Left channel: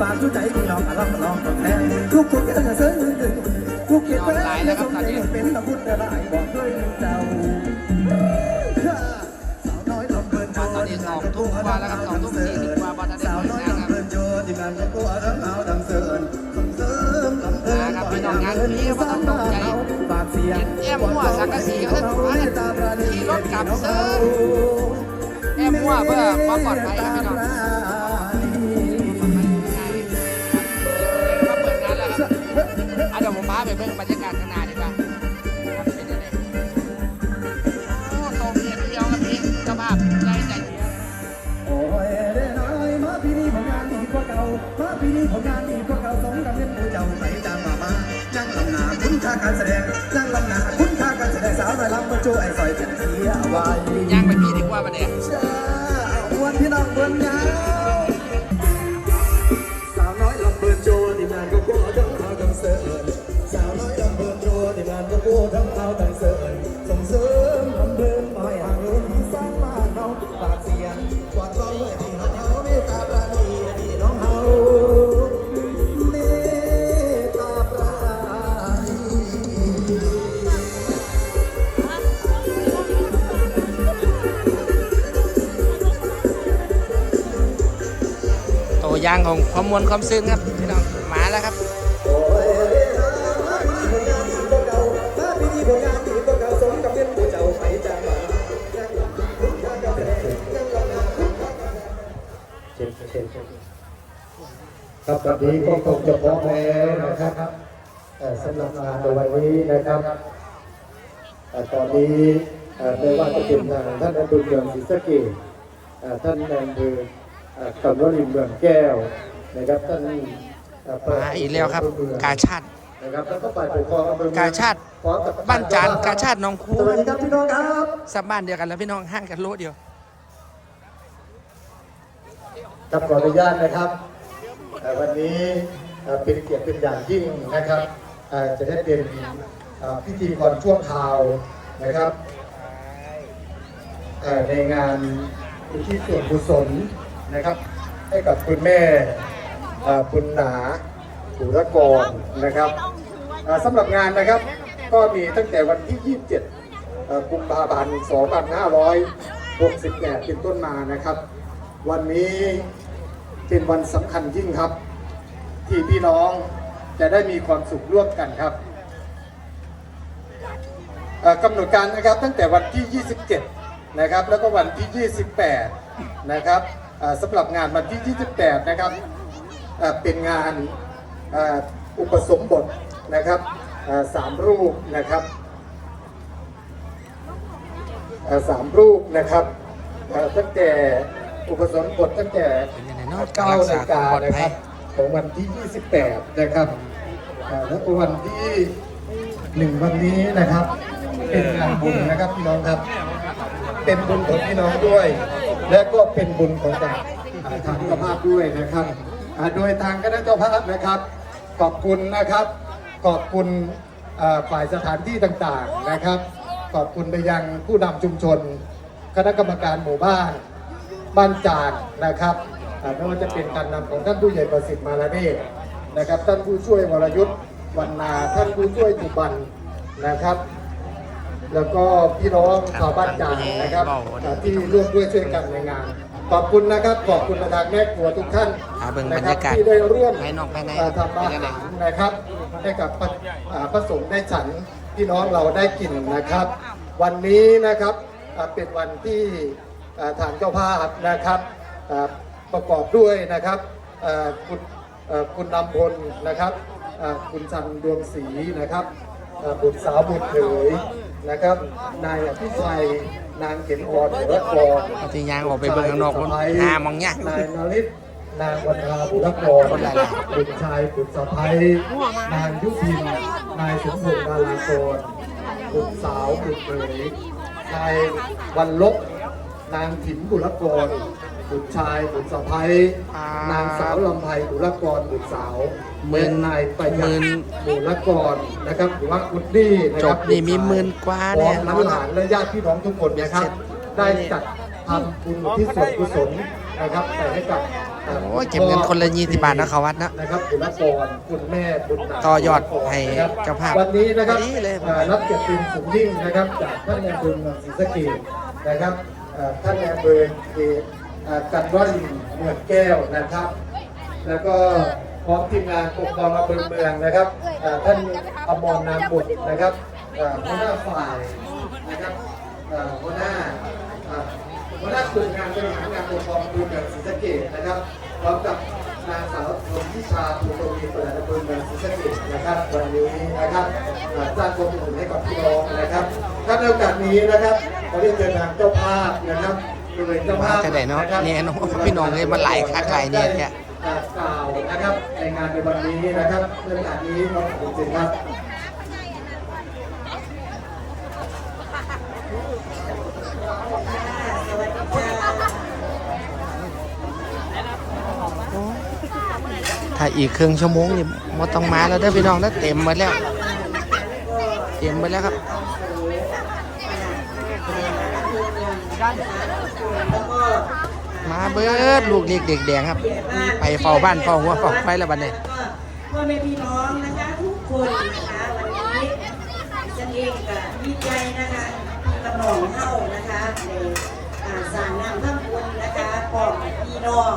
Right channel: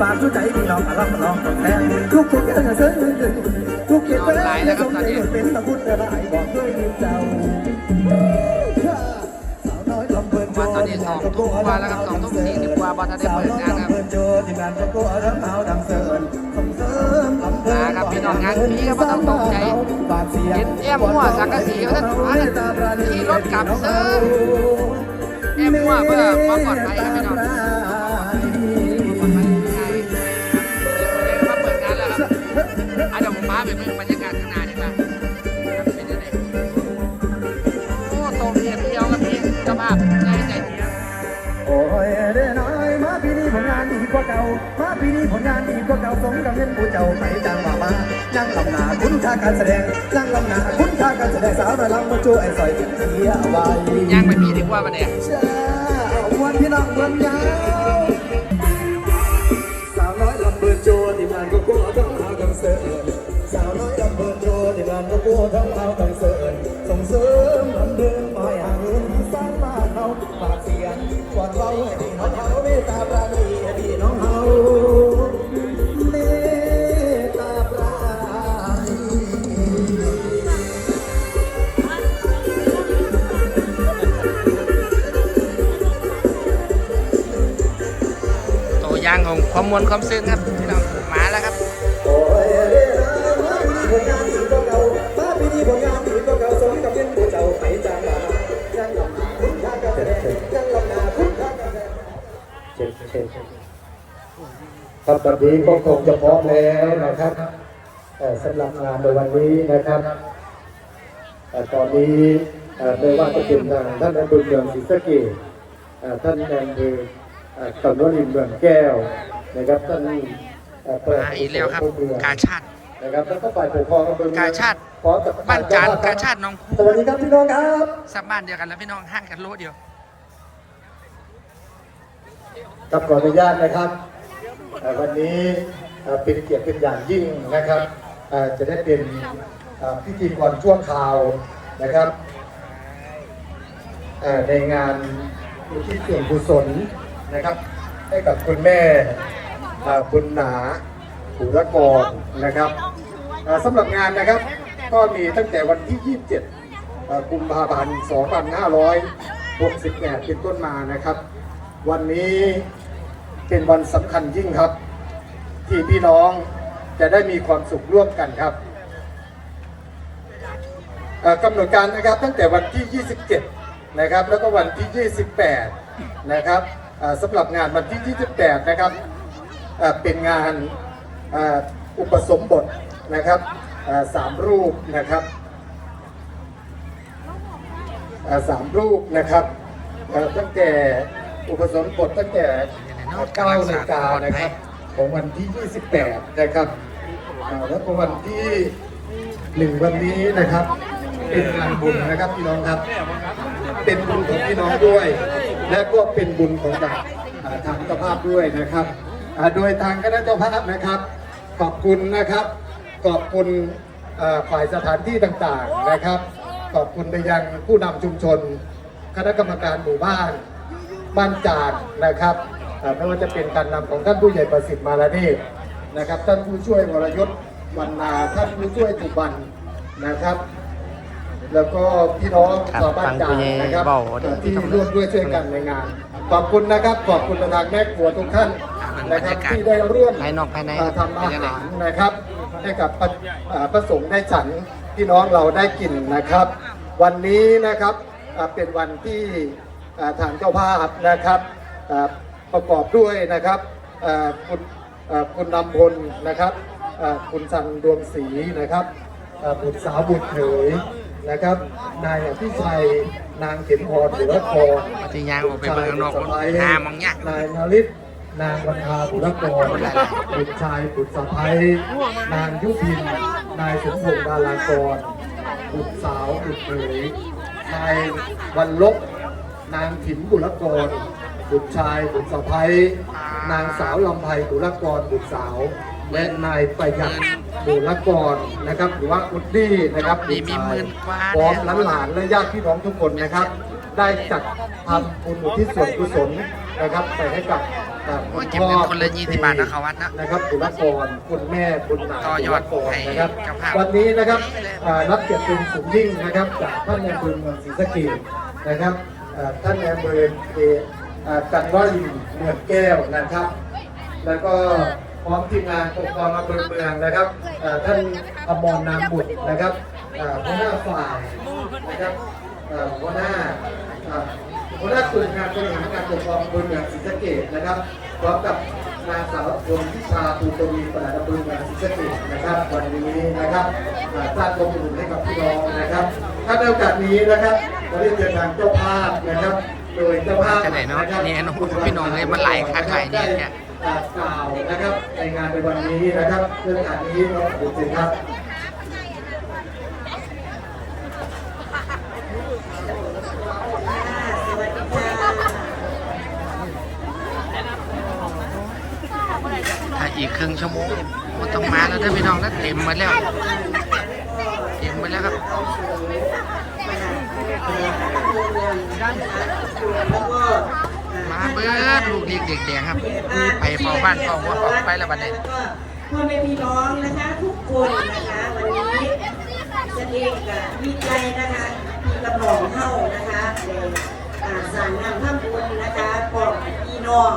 ฝากชุดใจพี่น้องอารักลองคนแทนทุกทุกอย่างเส้นทุกเกียรติและสมใจเป็นตะพุทธได้บอกด้วยเจ้าตอนนี้สองทุ่มกว่าแล้วครับสองทุ่มสี่สิบกว่าบอลทันได้เปิดงานครับโจทีมงานก็ก็ทั้งเอาทั้งเสิร์นส่งเสริมนะครับพี่น้องงานนี้ก็ต้องตกใจเสียงแอมหัวสังกะสีก็ท่านมาเนี่ยขี่รถกลับเซิร์แอมหัวเพื่อความปลอดภัยครับพี่น้องาไปเบิ่งบรรยากาศข้างหน้าดีกว่าครับเป็นยังไงโอ้โตเพียงเดียวครับพี่เจ้าภาพใจใจเพียงโอ้ยเด้อน้อยมาปีนี้ผลงานดีกว่าเก่ามาปีนี้ผลงานดีกว่าเก่าสมกับเงินผู้เจ้าไม่จังมามาจังลำหนาคุณค่าการแสดงจังลำหนาคุณค่าการแสดงสาวระลังมาจูไอ้สอยเป็นเทียไว้ย่างไปพี่ดีกว่าปะเนี่ย ยางของความมวลความซึ้งครับพี่น้องมาแล้วครับครับตอนนี้ก็คงจะพร้อมแล้วนะครับเอ่สำหรับงานในวันนี้นะครับเอ่ตอนนี้ไม่ว่าจะเป็นทางท่านนายอำเภอเมืองศรีสะเกษท่านนายอำเภอ ตำรวจรินเมืองแก้วนะครับท่านเอ่อมาอีกแล้วครับ กาชาตินะครับแล้วก็ฝ่ายปกครองอำเภอเมืองกาชาติพร้อมกับบ้านจานกาชาติหน้องคูสวัสดีครับพี่น้องครับสับบ้านเดียวกันแล้วพี่น้องห่างกันโลเดียวกับขออนุญาตนะครับเอ่อวันนี้เอ่อเป็นเกียรติเป็นอย่างยิ่งนะครับเอ่อจะได้เป็นเอ่อพิธีกรช่วงข่าวนะครับเอ่อในงานอุทิศส่วนกุศล นะครับ ให้กับคุณแม่คุณหนาสุรกรนะครับสำหรับงานนะครับก็มีตั้งแต่วันที่ 27กุมภาพันธ์ 2568 เป็นต้นมานะครับ วันนี้เป็นวันสำคัญยิ่งครับ ที่พี่น้องจะได้มีความสุขร่วมกันครับกำหนดการนะครับตั้งแต่วันที่ 27 นะครับ แล้วก็วันที่ 28 นะครับ สำหรับงานวันที่ 28 นะครับเป็นงานอุปสมบทนะครับสามรูปนะครับสามรูปนะครับตั้งแต่อุปสมบทตั้งแต่9นาฬิกานะครับของวันที่ 28 นะครับแล้วก็วันที่หนึ่งวันนี้นะครับ เป็นงานบุญนะครับพี่น้องครับ เป็นบุญของพี่น้องด้วย และก็เป็นบุญของทางทางเจ้าภาพด้วยนะครับโดยทางคณะเจ้าภาพนะครับ ขอบคุณนะครับ ขอบคุณฝ่ายสถานที่ต่างๆนะครับ ขอบคุณไปยังผู้นำชุมชน คณะกรรมการหมู่บ้านบ้านจานนะครับไม่ว่าจะเป็นการนำของท่านผู้ใหญ่ประสิทธิ์มาลาเนนะครับ ท่านผู้ช่วยวรยุทธ์วันนาท่านผู้ช่วยจุบันนะครับ แล้วก็พี่น้องครับชาวบ้านจานนะครับฟังผู้ใหญ่เบาเด้อที่ร่วมด้วยช่วยกันในงาน ขอบคุณนะครับ ขอบคุณประธานแม่ครัวทุกท่านเอาเป็นนะครับรรยากาศที่ได้ร่วมภายนอกภายในเทำอาหารนะครับ ให้กับพระอ่าพระสงฆ์ได้ฉันพี่น้องเราได้กินนะครับ วันนี้นะครับอ่าเป็นวันที่อ่าทางเจ้าภาพนะครับอ่าประกอบด้วยนะครับอ่าคุณอ่าคุณนำพลนะครับอ่าคุณสันดวงศรีนะครับอ่าบุตรสาวบุตรเขย นะครับ นายอภิชัยนางเข็มพรหรือว่าคอปฏิญาณออกไปเบิ่งข้างนอกว่าหน้ามองยากนายนริศนางประภาบุรกรบุตรชายบุตรสะพ้ยนางยุพิน นายสมพงษ์บาลากรบุตรสาวบุตรเขยนายวันลบนางถิมบุรกรบุตรชายบุตรสะพ้ย นางสาวลำไพบุรกรบุตรสาวและนายประหยัดบุรกรนะครับหรือว่าอุดดี้นะครับจบนี่มีหมื่นกว่าพร้อมเนี่ยหลานๆและญาติพี่น้องทุกคนนะครับ ได้จัดทำบุญอุที่ส่วนกุศลนะครับไปให้กับอ่าโอ้ยเก็บเงินคนละ20บาทนะเขาวัดนะนะครับบุรกรคุณแม่บุญนาต่อยอดบุรกรให้นะครับเจ้าภาพวันนี้นะครับนี่เลยอ่ารับเกียรติเป็นสูงยิ่งนะครับ จากท่านในอำเภอเมืองศรีสะเกษนะครับอ่าท่านในอำเภอเกัดร้อยเมือแก้วนะครับ แล้วก็พร้อมทีมงานปกครองอำเภอเมืองนะครับท่านอมรนามบุตรนะครับหัวหน้าฝ่ายนะครับหัวหน้าหัวหน้าส่วนงานบริหารการปกครองอำเภอเมืองศรีสะเกษนะครับพร้อมกับนางสาวชนทิชาภูตวีประหลัดอำเภอเมืองศรีสะเกษนะครับวันนี้นะครับสร้างความอบอุ่นให้กับพี่น้องนะครับถ้าในโอกาสนี้นะครับขอเรียนเชิญทางเจ้าภาพนะครับ จ้าภาพจะได้เนาะเนี่ยน้องพี่น้องเลยมันหลายคักหลายเนี่ยเนี่ยกล่าวนะครับในงานในวันนี้นะครับเรื่องการนี้เราขอบคุณครับถ้าอีกครึ่งชั่วโมงนี่ว่าต้องมาแล้วเด้พี่น้องแล้วเต็มหมดแล้ว เต็มหมดแล้วครับ มาเบิดลูกนี่เด็กแดงครับไปเฝ้าบ้านเฝ้าหัวเฝ้าไปแล้วบัดนี้แล้วก็พ่อแม่พี่น้องนะคะทุกคนนะคะวันนี้จะเองกับดีใจนะคะกำลองเข้านะคะในอ่าสั่งนำข้ามบุญนะคะของพี่น้อง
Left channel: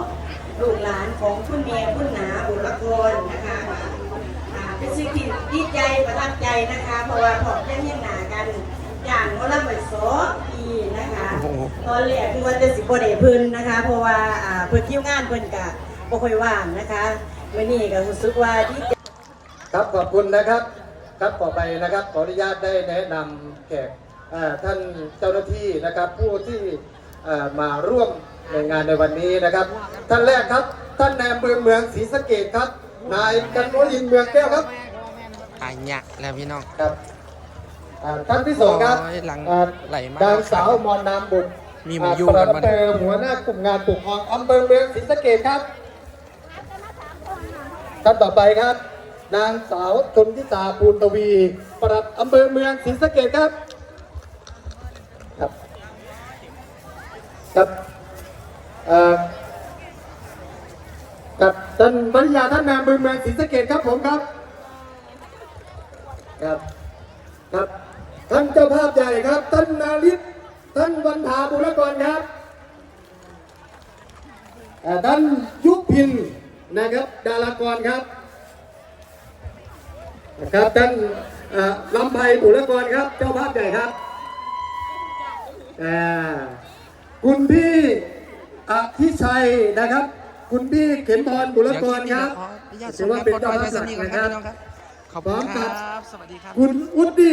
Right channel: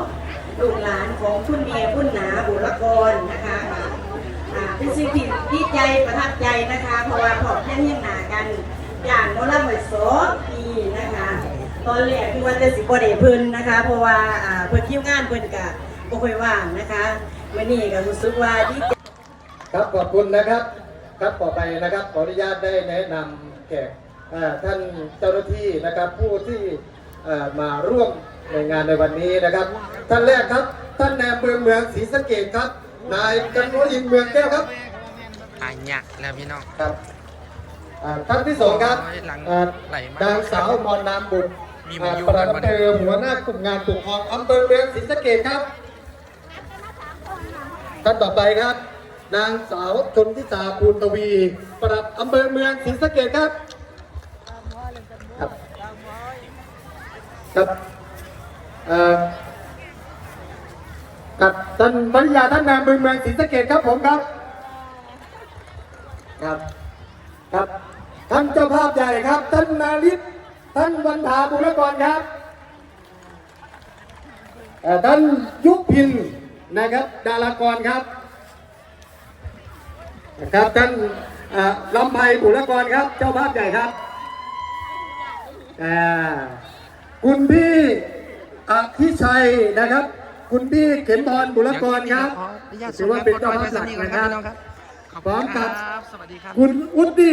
ลูกหลานของคุณเมียคุณหนาบุรกรนะคะอ่าเป็นสิ่งที่ดีใจประทับใจนะคะ เพราะว่าพอเพื่อนเห็นหนากัน อย่างโน้นละเหมือนสองปีนะคะตอนแรกคือว่าจะสิบโเดเพิ่นนะคะ เพราะว่าอ่าเพิ่นคิวงานเพิ่นกะบ่ค่อยว่างนะคะมื้อนี้ก็รู้สึกว่าดีใจครับขอบคุณนะครับ ครับต่อไปนะครับขออนุญาตได้แนะนำแขกเอ่อท่านเจ้าหน้าที่นะครับ ผู้ที่เอ่อมาร่วมในงานในวันนี้นะครับ ท่านแรกครับ ท่านนายอำเภอเมืองศรีสะเกษครับนายกันโนยินเมืองแก้วครับหายยะแล้วพี่น้องครับอ่า ท่านที่สองครับโอ้ยหลังอ่าไหลมากนางสาวมอนนามบุตรมีหมูยุ่งปกัลันดวะอำเภอหัวหน้ากลุ่มงานปกครองอำเภอเมืองศรีสะเกษครับ ท่านต่อไปครับ นางสาวชนทิตาภูลตวี ปลัดอำเภอเมืองศรีสะเกษครับ ครับครับเอ่อกับท่านภริยาท่านนายอำเภอเมืองศรีสะเกษครับผมครับ ครับครับท่านเจ้าภาพใหญ่ครับ ท่านนาริศท่านวันถาบุรกรครับเอ่อท่านยุพินนะครับ ดารากรครับนะครับท่านเอ่อลำไพบุรกรครับ เจ้าภาพใหญ่ครับอ่าคุณพี่อภิชัยนะครับ คุณพี่เข็มพรบุรกรครับขออนุญาตถือว่าเป็นเจ้าภาพหลักส่งนะครับขอบคุณครับสวัสดีครับคุณอุดดี